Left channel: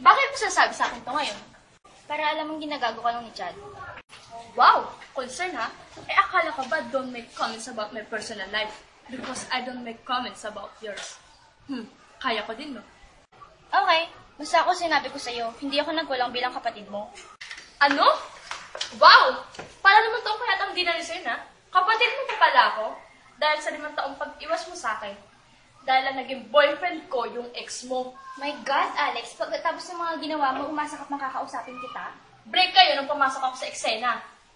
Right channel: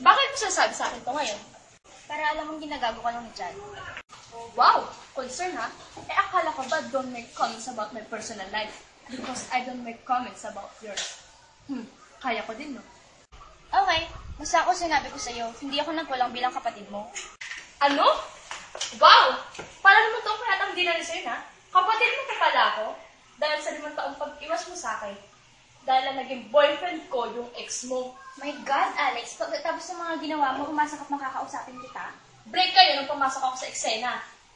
Bakit mo sinasabi sa akin to ngayon? Para alam mong ginagago ka lang ni Chad. Wow! Concern ha? Eh akala ko ba don't make comments about my personal life? Because I don't make comments about yours. Kaya ko din, no? Okay, basta ako sinabi ko sa'yo, hindi ako nagkulang bilang kapatid mo. Ano? Wow! Para naman taong kaya ang ginano sa'yo, na? Kapatid mo pa pala ako? Dahil sa 5 taong pag-iwas mo sa akin. Dahil lang naging boyfriend ko yung ex mo. My God, Alex, pagkatapos ng mga ginawa mo, umasak at makakausapin kita. Break kayo nung pumasok ako sa eksena.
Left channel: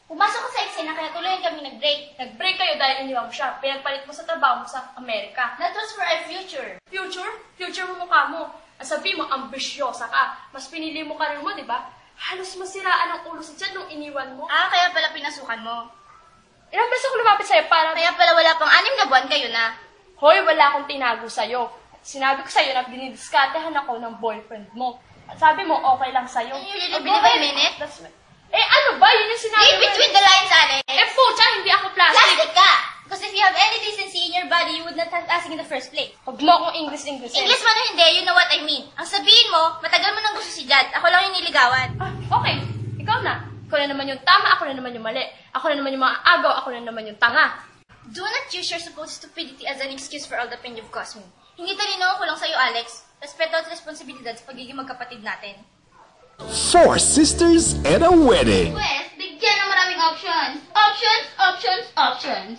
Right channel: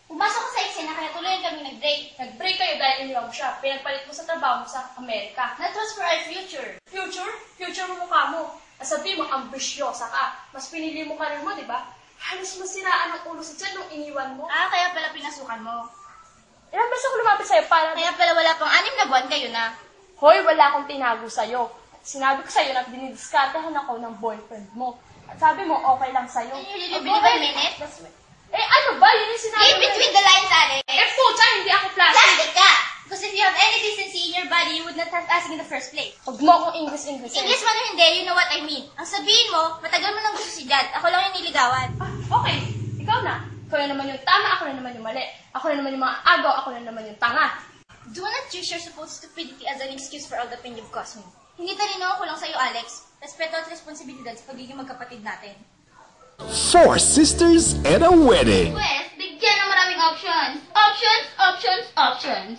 Pumasok ko sa eksena, kaya tuloy kami nag-break. Nag-break kayo dahil iniwan mo siya. Pinagpalit mo sa trabaho mo sa Amerika. That was for our future. Future? Future mo mukha mo. Ang sabi mo, ambisyosa ka. Mas pinili mo karir mo, di ba? Halos masiraan ang ulo sa tiyan nung iniwan mo. Kaya pala pinasukan mo. Ilang beses ako lumapit sa'yo para... Kaya pala wala pang 6 na buwan kayo na. Hoy, wala akong tinago sa'yo. Sinabi ko sa'yo na dinidiskatehan ako ng boyfriend mo. At sabi mo, okay lang sa'yo. You believe a minute? That's right. Eh, ano ba? Yun yung sinabi Read between the lines, Alex. Eh, pucha, hindi ako plastic. Plastic ka! Because if you have any decency in your body, you would not have asked in the first place. Huwag mo akong English. English man o hindi, you know what I mean. Ang sabihin mo, matagal mo nang gusto si Jad. Ako lang yung niligawan. Okay. Ikaw na. Ikaw na naman yung tama, ako na naman yung mali. Ako na naman yung mga agaw, ako na naman yung tanga. Do not use your supposed stupidity as an excuse for all the pain you've caused me. Hindi talino ko lang sa'yo, Alex. Respeto at responsibilidad sa pagiging magkapatid natin. 4 sisters and a wedding. Pwes, bigyan ng maraming options. Options, options, options.